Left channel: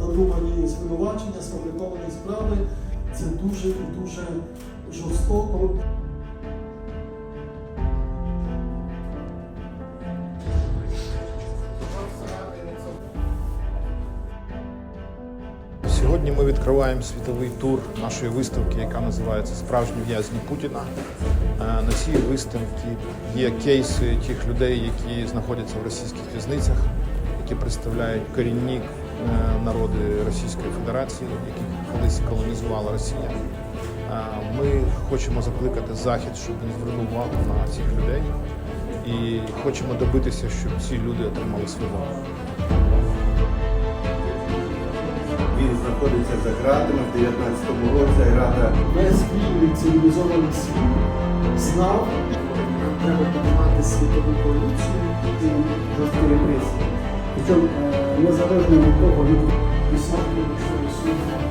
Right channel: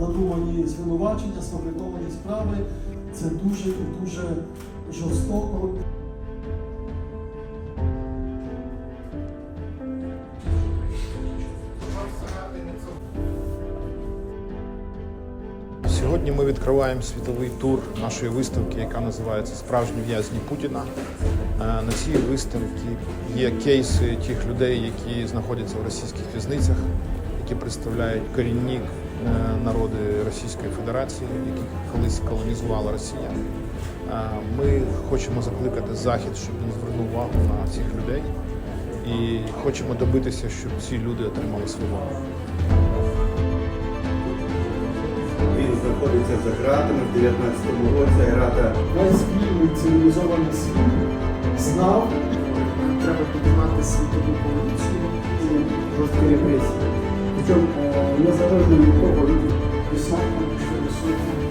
надумані звинувачення, сфабриковані справи. Це дуже і дуже жорстоко. Сьогодні ми відкриваємо світовий тур нашої виставки, яка називається Справжні в'язні Путіна. Е, На цій виставці є кейси тих людей, які знаходяться в російських в'язницях, які представляють корінні народи Російської Федерації, яких колись колонізувала Росія. Е, Ми хочемо закликати Захід, щоб він звернув увагу на цих людей, і хочемо добитися, щоб ці люди отримали свободу. Він знаходиться за ґратами в 19-му році. Грата Весь вільний цивілізований світ знав Нам треба піднімати світову поліцію і жорсткі репресії. Причому е, незалежно від того, від десятку, якщо ресурсів.